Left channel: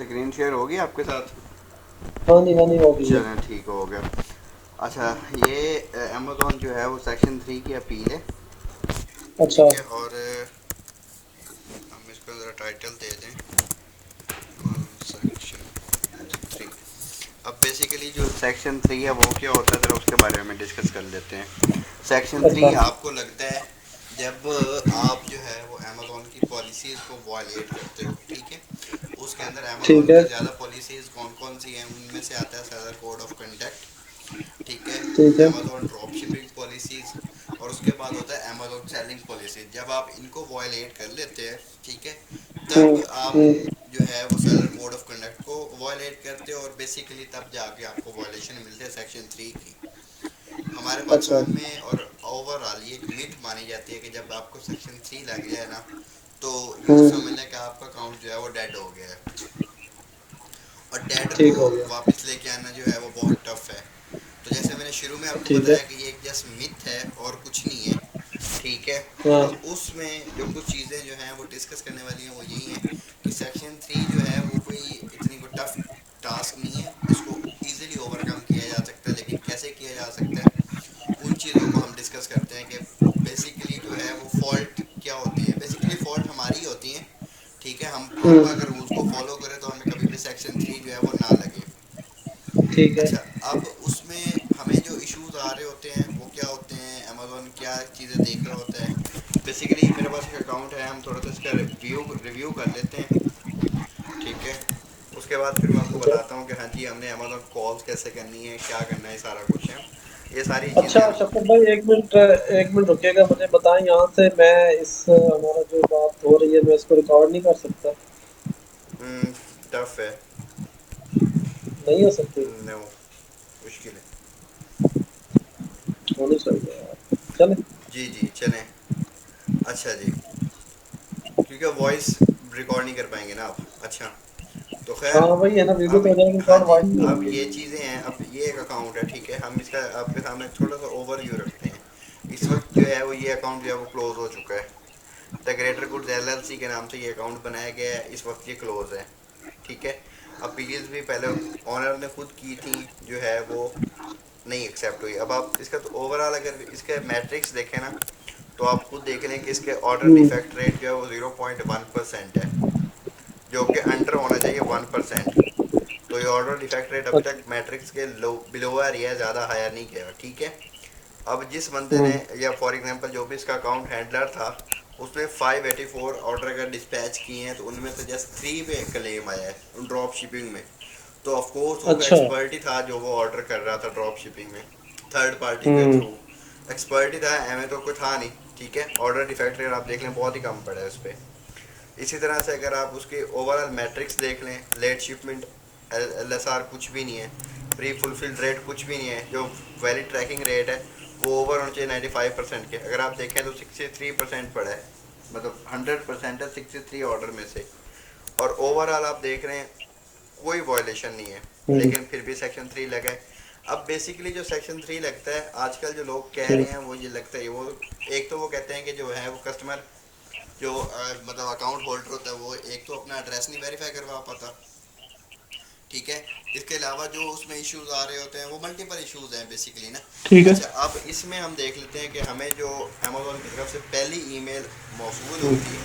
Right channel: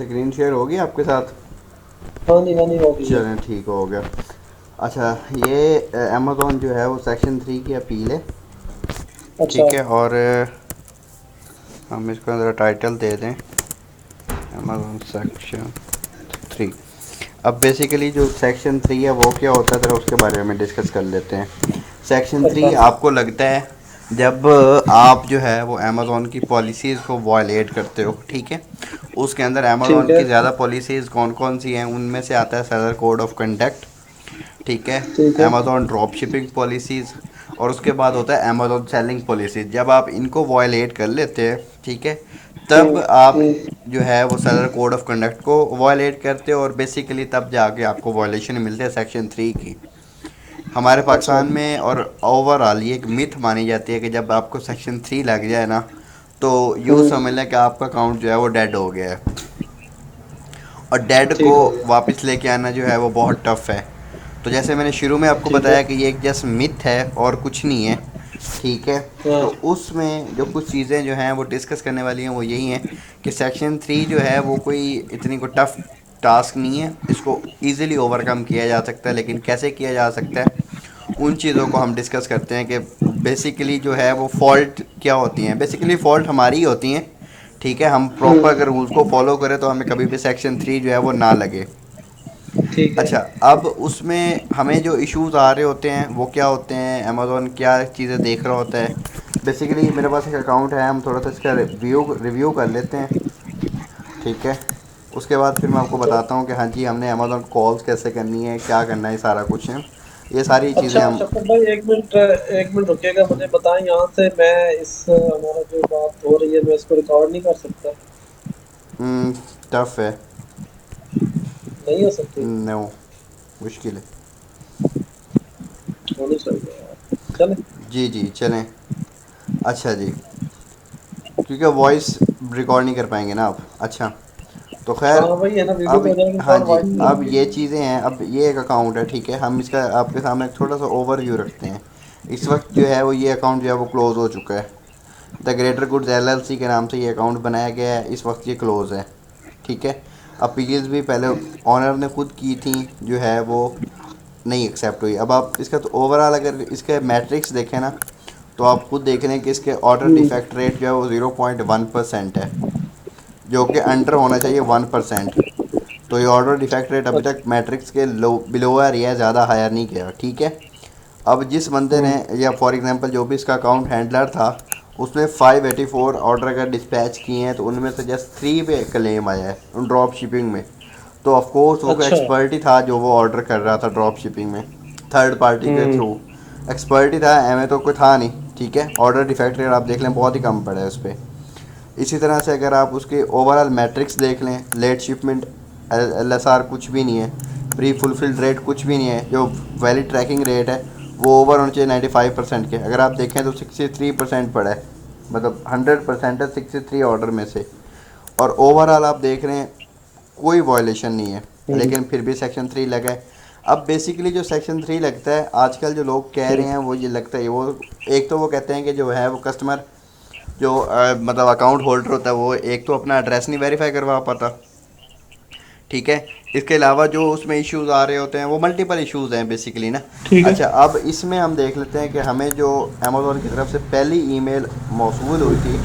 Screen share होगी आपके साथ? हाँ जी हो गई है। चलें, ठीक हो गया। अच्छा, ये अमेज़ोन जो है वो सेक्शन 3 की अपील है। अच्छा। ठीक है, और हम इसको ज़रा टाइटल दे दें, अमेज़ोन सेक्शन 3। अब बेसिकली जो सेक्शन 3 है वो क्या होता है, ज़रा उसके बारे में डिस्कस कर लेते हैं। सेक्शन अच्छा। 3 आपको लगता है जब आप जो है वो अमेज़ोन की पॉलिसीज़ को वायलेट करते हो, ठीक है। उसके अंदर ठीक अमेज़ोन है। की ज़्यादा पॉलिसीज़ कौन कौन सी हैं, उनमें से आता है सेलर कोड ऑफ कंडक्ट, ठीक है। ठीक है। अमेज़ॉन ड्रॉप शिपिंग पॉलिसीज़, और उसके बाद होता है अमेज़ॉन सेलिंग पॉलिसीज़। जब आप इनको वायलेट कर लेते हैं, ठीक है, तब आप हम्म। जो है वो सेलर कोड ऑफ कंडक्ट को वायलेट करते हो, और बेसिकली तब जाके आपको वायलेशन मिलते हैं सेक्शन 3 की। हमारे अच्छा। पाकिस्तान में और ओवरऑल ये एक मिथ मानी जाती है कि जब आपको सेक्शन 3 लग जाए ना, तो यूँ हम्म। समझ लें कि आपका अकाउंट जो है वो डेड हो गया है। और डेड को ठीक हो गया। वापस लेके आना जो है वो बहुत टफ़ है। तो जैसे मैंने शुरू में आपको ठीक है। बताया कि ये एक जस्ट मिथ है और कुछ नहीं है, ठीक है। हाँ। तो उसमें जो कुछ चीज़ें जो हैं वो डिस्कस करने वाली हैं वो यही हैं कि सेक्शन 3 जो है वो कोई इतनी को टफ़ टास्क नहीं है, इसको ईज़िली ओवरकम किया जा सकता है। लेकिन कैसे किया जा सकता है, उन चीज़ों को हम डिस्कस करते हैं कि बेसिकली जो है वो फ़ॉल्ट क्या होती हैं। बेसिकली फ़ॉल्ट हमारी ही होती हैं, ठीक है। हम प्रॉपर अगर हम्म। रूल्स को फॉलो करें तो हमें कभी भी सेक्शन 3 जो है वो ना लगे। ठीक है। अच्छा, अब उसमें हमें जो इश्यूज आ रहे होते हैं वो क्या होते हैं, अमेज़ॉन क्या चीज़ें देख रहा होता है। बेसिकली मेरे पास एक अकाउंट है, हम थोड़ा सा इसका रिव्यू रिव्यू कर लेते हैं, ठीक है। उसके बाद फिर मैं आपको ठीक है। बताता हूँ कि हाँ जी हमने अमेज़ॉन कॉल्स कैसे करनी है, क्या करना है, सारा कुछ है। ये सारी चीज़ें अच्छा हम। शफर भाई, एक मिनट रुकिएगा, मुझे बताएं यहाँ से मैं इस हमारा जो बात हो रही है मैं इसको रिकॉर्ड नहीं कर सकता? टफ है। नहीं हो सकती? नो, मुश्किल है। होनी चाहिए यार, चले। जी जी चलें। अच्छा जी, क्योंकि वॉइस रिकॉर्ड नहीं कर पाएंगे ना आप। अच्छा, तो हाँ खैर। वही है ना, वीडियो अब तो हो जाएगी हाँ रिकॉर्ड, जी, वॉइस नहीं अब होगी। ये चीज़ें हैं। अब ये एक अकाउंट है, ठीक है। हम इसका आपके सामने थोड़ा सा ओवरव्यू रखते हैं। इस वक्त जो है वो ये अकाउंट जो है वो क्लोज़ हो चुका है। द ग्रेटर गुड्स एलएलसी के नाम से ये अकाउंट बनाया गया है, इस वक्त ये क्लोज़ है, ठीक है। अपील्स भी पहले ऑनर ने खुद की थी, जो है वो नहीं एक्सेप्ट हुई। अब आप इसका तो ओवरऑल अगर इसके मैट्रिक्स देखें ना, तो आप खुद देख रहे हैं कि इसके ऑर्डर हम्म। डिफेक्ट रेट जो है वो 0.1% है, जो कि अंडर होना चाहिए 1%। तो ये ऑर्डर डिफेक्ट रेट अभी तक अच्छा। मैट्रिक्स के लो बिलो आ रही है, ज़्यादा हायर नहीं गया, ठीक है। अब जिस बंदे ने, हम्म। या फॉर एग्जांपल जो भी इसका अकाउंट हैंडलर था, उसने 584 ऑर्डर अगर डिस्पैच किए हैं, तो उनमें से जस्ट 3 पे क्लेम आया है ड्रॉप शिपिंग में। तो ऑफकोर्स वो अच्छा। एक्सपर्ट ही था जो वो ऑर्डर कर रहा था ड्रॉप शिपिंग में, थर्ड पार्टी के हम्म। थ्रू। एक्सपर्ट ही था, एम तो कोई था नहीं, ठीक है। ऑर्डर डिफेक्ट रेट आप देख लें बहुत ही कम पड़ा है उस पर। इसी तरह से अगर आप उसके ओवरऑल मैट्रिक्स देख लें, late shipment, L S R कुछ भी नहीं है, प्री फुलफिल्ड रेट कुछ भी नहीं है, जो वैलिड ट्रैकिंग रेट है वो ओवर होना चाहिए 95% के, अगर आप देखें तो 63% पड़ा है। मतलब 100% है 63 ऑर्डर में से। और ओवरऑल आप देख रहे हैं कोई वायलेशन नहीं है, हम्म। लेकिन फिर भी सेक्शन 3 लगा है। अब बेसिकली जो सेक्शन 3 लगता है आजकल जो लोग कह रहे ठीक। हैं वो ये लगता है वो, एक तो वो कहते हैं कि जो है वो कस्टमर जो मतलब अकाउंट होल्डर होता है वो एक तो अपना एड्रेस नहीं वेरीफाई करवा पाता, ठीक है। इसके अलावा जो उसमें इश्यूज आ रहे होते हैं वो मल्टीपल इश्यूज हैं बेसिकली ना। ठीक है। अच्छा, अब इसमें हम देख लेते हैं कि हमें जो अमेज़ोन की तरफ से पहली ईमेल मौसूल हुई थी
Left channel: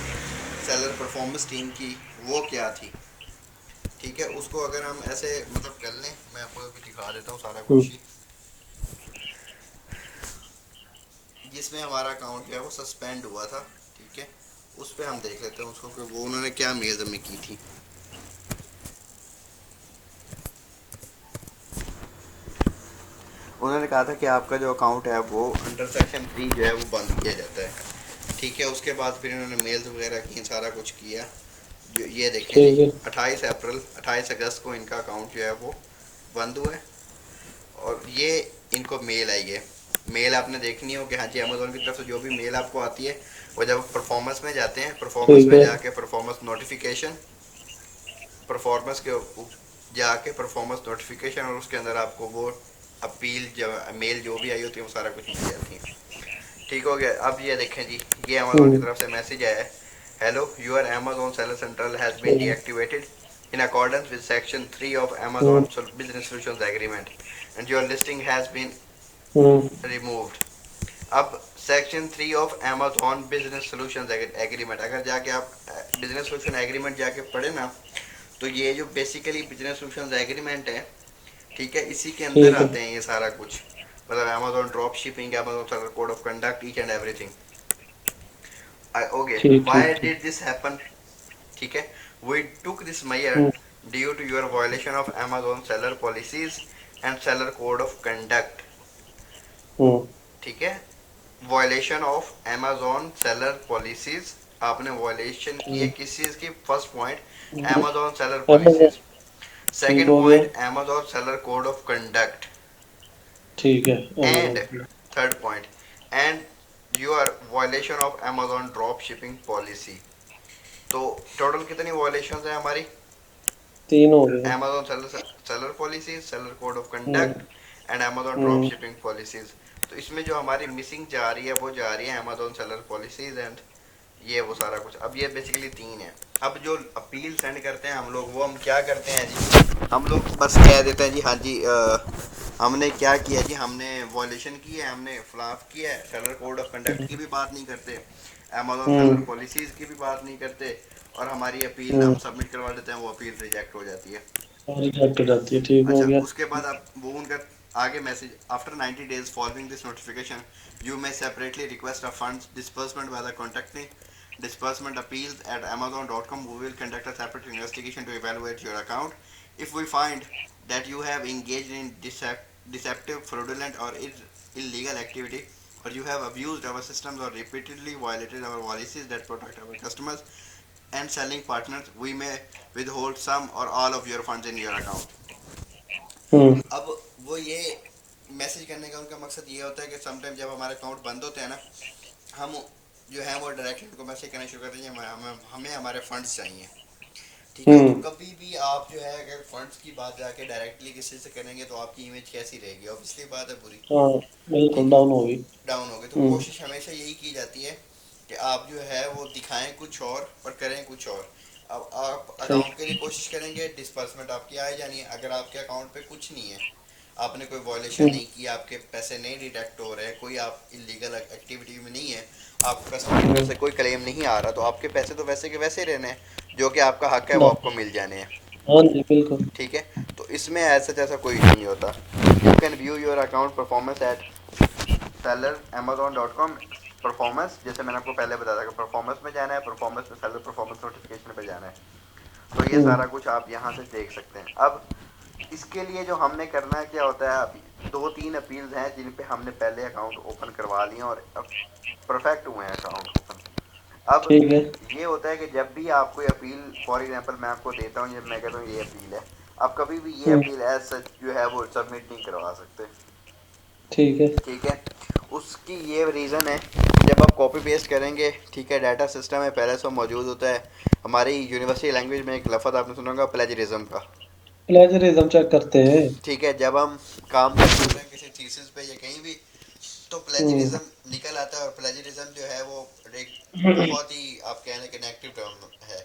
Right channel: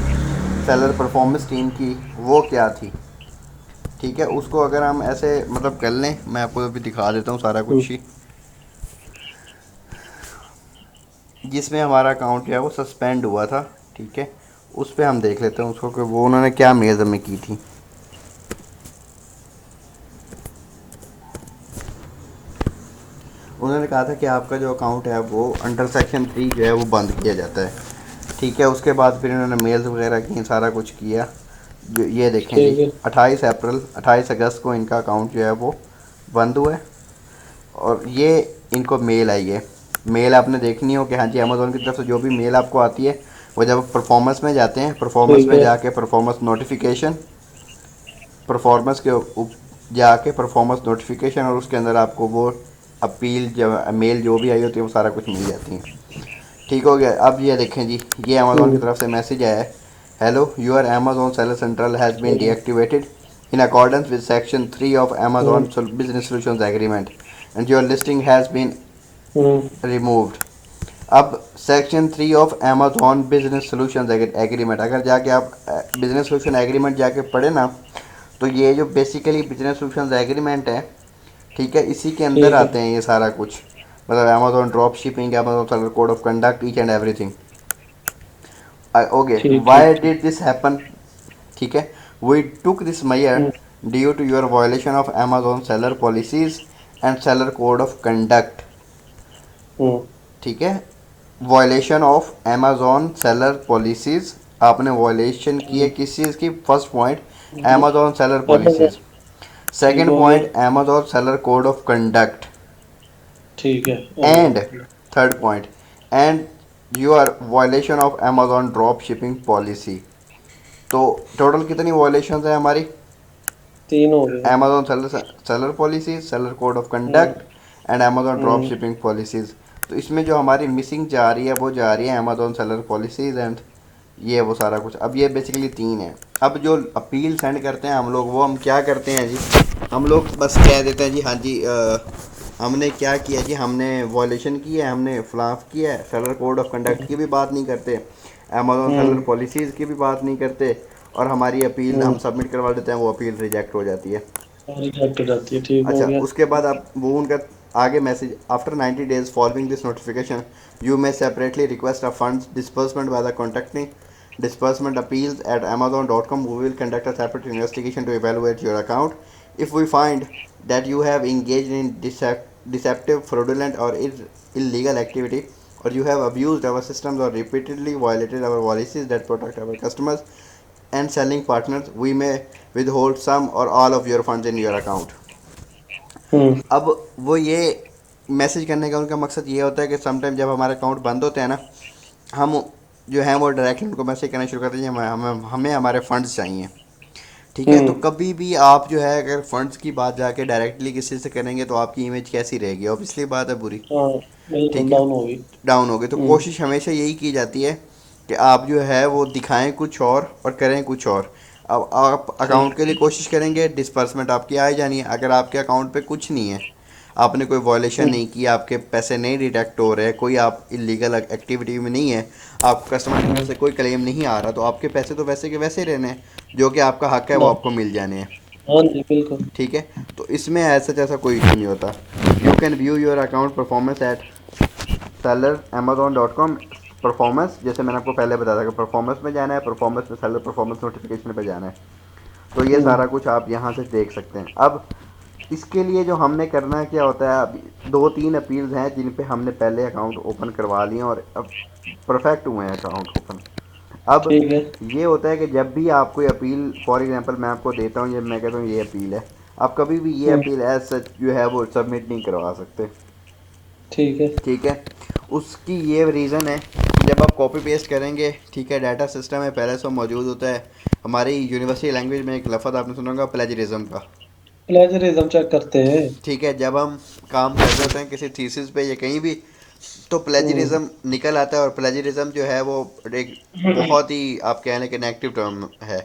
सेलर परफॉर्मेंस टीम की, वो क्या थी, ठीक है। उसको अगर हम ऐसे मतलब कर लें, मैं आपको अभी दिखा देता हूँ सारा हम्म। कुछ ही, जिसमें हमारा अकाउंट जो है वो सस्पेंड हुआ था, ठीक है। उस पर हम देख लेते हैं उसको कि वो उन्होंने क्या मेल हमें की थी। उन्होंने कहा था कि आपका जो अकाउंट है वो अंडर सेक्शन 3 जो है वो बंद किया जाता है, ठीक है। उसके बाद फिर इन्होंने मेल्स वगैरह की, सारा कुछ किया। जो ये देखें जी, ठीक है। 28 अप्रैल 28 अगस्त को इनका अकाउंट जो है वो बंद हुआ है। और ये इनको मेल आई है। मेल आपने देखनी हो कि हाँ जी अमेज़ोन की तरफ से जो भी मेल आपको आती है, वो जब परफॉर्मेंस में जाते हैं, परफॉर्मेंस ठीक में है। जाके परफॉर्मेंस नोटिफिकेशन, परफॉर्मेंस के जाके परफॉर्मेंस नोटिफिकेशन, और उसके अंदर आपको वो अपील जब मेल जो भी आई होती है वो सारा कुछ मिल जाती है, ठीक हो गया। अब ये देखें जी, ये अमेज़ोन की हम्म। तरफ से मैसेज आया है, hello your Amazon seller central has been ठीक है। Deactivated, in accordance with Section 3 of Amazon Business Solutions Agreement, and your listing has been removed. अब section 3 of Amazon business solution agreement, अगर जाके आप बिजनेस सोल्यूशन एग्रीमेंट जाके पढ़े ना, तो ये जो बेसिकली बिजनेस सोल्यूशन एग्रीमेंट है, ठीक है, इसी के अंदर ठीक है। आते हैं ये सारा कुछ, मतलब Amazon drop shipping, Amazon seller code of conduct, each and everything. Okay, ठीक वाई ठीक ठीक। डिड दिस हैपन, ठीक है, we took this measure hmm due to your violation of Amazon seller policies and seller code of conduct, hmm ठीक है, violation of Amazon seller policies, आपने violation की है हम्म, किस चीज़ की, first point hmm, Amazon seller Amazon, policies, ठीक second हो गया। Point Amazon seller code of conduct, ठीक है, and Amazon। Third point and your violation of Amazon drop shipping policy. तो टोटल कितनी वायलेशन है हमारी, तीन हो गए। Amazon seller seller policies, seller code of hmm conduct and Amazon drop hmm shipping policies. तो इसमें जो हमारी मिसिंग जा रही है वो जा रही है अमेजोन सेलर पॉलिसीज एंड ये वो सारा कुछ। अब ये बेसिकली तीन है। अब जो अपील सेंड करते हैं हम लोग, वो हम क्या करते हैं जी, हम लोग बस कह देते हैं जी हाँ जी हमने क्या किया जी, हमने वॉलेशन की है, हमने फ्लाफ किया है, सेलर कोड ऑफ कंडक्ट की भी बात नहीं करते, अमेजोन सेलर हम्म पॉलिसीज़ की भी बात नहीं करते, और हमारी अपील हम्म, हम सबमिट करवा देते हैं, वो अपील रिजेक्ट हो जाती है। रिजेक्ट हो जाती है, ठीक हो अच्छा, गया। उसके बाद आप वो उनका आगे message, after 90 days following this notification you may separately request a funds disbursement by the contacting disbursement appeals at amazon.com. We will conduct a separate investigation to evaluate your account. If we find that you have engaged in deceptive, fraudulent, or illegal activity, or you have abused our systems or repeatedly violated our policies that protect our customers and selling partners, we may withhold some or all of your funds in your account. हम्म अब वो ये message करने का उनका मकसद ये होता है कि समटाइम जब हमारे अकाउंट बंद होते हैं ना, हम जो है वो डायरेक्टली उनको मैसेज करना शुरू करते हैं, हमें हमें हमें हमारे फंड्स चाहिए, ठीक है। तो हम्म, कभी भी आप जो है अगर फंड्स की बात जाके डायरेक्टली किसी से करेंगे तो आपकी इमेज कैसी रहेगी, ऑब्वियसली बात है, बुरी, हाँ, बिल्कुल ठीक है, डाउन होगी। डाउन हो गई। तो हम्म, कोशिश हमेशा यही की जाती है कि आप जो है वो दिखाएं कुछ और करें कुछ और। अब आप अकाउंट ठीक। के लिए कोशिश करेंगे, डिस्पर्समेंट आपकी आ ही जानी है। अगर आपके अकाउंट पे कुछ नहीं है, आपने कोई वॉलेशन हम्म नहीं किया, आपके पैसे नहीं डिटेक्ट हो रहे, कोई आप इलीगल एक्टिविटी में नहीं है, आप कस्टमर हम्म, से कोई क्लेम नहीं आ रहा, तो आपके पैसे तो वैसे के वैसे ही रहने हैं, जो कि आपका हक है वो डाउन। आपको मिल जाने हैं, हाँ जी, बिल्कुल। ठीक है। तो इसमें ऐसा जैसा कोई इशू नहीं होता। You can view your account performance at seller Amazon dot com. Performance, जैसे मैंने आपको पहले बताया था कि परफॉर्मेंस में जाना है, परफॉर्मेंस में सेलर परफॉर्मेंस नोटिफिकेशन पे जाना है, तो ये हम्म सारा कुछ आप यहाँ से देख सकते हैं। अब इसके लिए जो हमने करना है क्या होता है, अभी दो तीन अपील्स हैं जिन पे हमने पहले अकाउंट ओपन करवा लिए और अब परफेक्ट हुए हैं अकाउंट ओपन। अब ठीक है। ये होता है कि जब भी आप कोई अपील, फॉर एग्जांपल मैं आपको देता हूँ, ये मैं कहता हूँ ये अपील है, आप कभी भी ये हम्म, अपील एज सच जो है वो सबमिट नहीं करवा सकते, ठीक है। ठीक है। उसकी ये रीज़न है, जब आप कॉपी पेस्ट करेंगे, ठीक है, डाटा सिस्टम में पहले तो मौजूद होता है। हमारी यूनिवर्सिटी लैंग्वेज में एक लफ्ज़ आपने सुना होगा प्लेजरिज्म का, प्लेजरिज्म चेक करते हैं। ठीक है। जब हम काम कर रहे होते हैं किसी थीसिस पे या कहीं भी, तो हम्म प्लेजरिज्म निकल आता है, और प्लेजरिज्म जो है वो एक बहुत ही आप कह लें कि नेगेटिव टर्म है।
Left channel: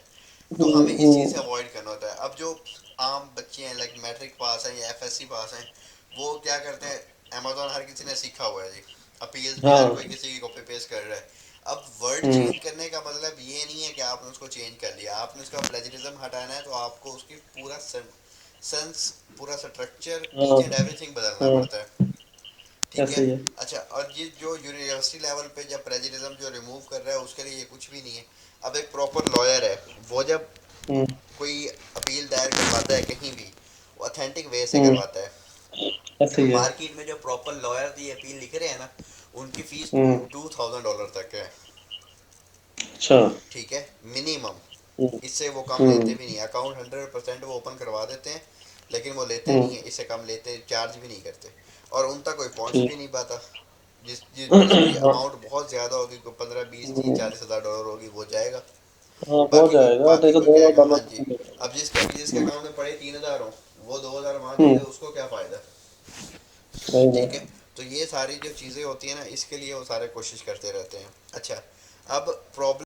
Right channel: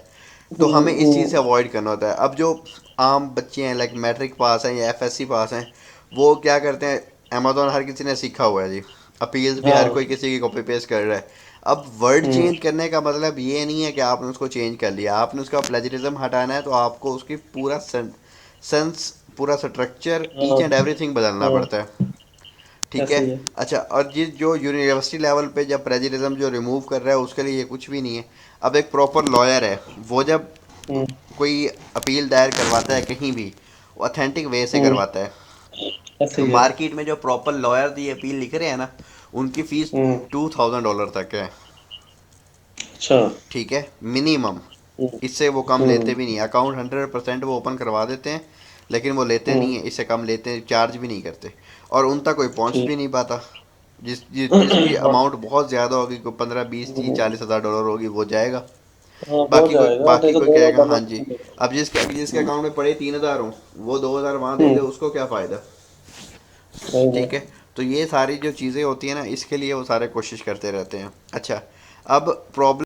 तो हमें इस चीज़ से हम्म, अवॉइड करना होता है। अब जो आम बच्चे हैं, लाइक मैट्रिक पास हैं या एफएससी पास हैं, वो क्या करते हैं, अमेजोन हर किसी ने सीखा हुआ है जी, अपील्स भी हर हाँ। कोई किसी की कॉपी पेस्ट कर रहा है। अब वर्ड हम्म चेंज करने का मतलब ये नहीं है कि आपने उसको चेंज कर लिया, आपने उसका प्लेजरिज्म हटाना है तो आपको उसकी पूरा सेंस, पूरा स्ट्रक्चर, ईच हाँ एंड एवरीथिंग बदलना हाँ, पड़ता है, ठीक है। ऐसे ही है। अच्छा, और ये जो यूनिवर्सिटी लेवल पे जब प्लेजरिज्म जो रिमूव कर रहा है उसके लिए ये कुछ भी नहीं है। अब एक प्रॉपर लॉयर है, वो जब हम्म कोई अपील दायर करवाता है कहीं भी, वो ऑथेंटिक वे से हम्म, करवाता है। ऐसे ही है। मार्केट में जो प्रॉपर लॉयर ये अपील लिख रहे हैं ना, उनकी फीस हम्म, $2000 तक है, अच्छा। ठीक है, मिनिमम। हम्म इससे वो कम लेते हम्म भी नहीं, अकाउंट 100% वो ओपन करवा देते हैं, लेकिन वो लेते नहीं हम्म, है, इससे कम लेते हैं, चार्ज भी नहीं करते, और उन तक कोई पहुंच भी ठीक। नहीं पाता। जिसकी हाँ। अमाउंट बहुत ज़्यादा होगी, कोई 15 20 30 40 हज़ार डॉलर होगी, वो जाएगा। हाँ, हो बाकी कोई जाएगा, नहीं बाकी तो कोई दो कहेगा हाँ डॉलर जी। मिलेगा। अब जिसके हम्म अकाउंट में पड़े 3000 हो, वो 2000 वहाँ दे दे, हम्म, उसको क्या फ़ायदा, नहीं ठीक है। नहीं। तो ये सारी जो चीज़ें होती हैं ना, इसके लिए वो सारे कोशिश करते रहते हैं। अच्छा, अब प्रॉब्लम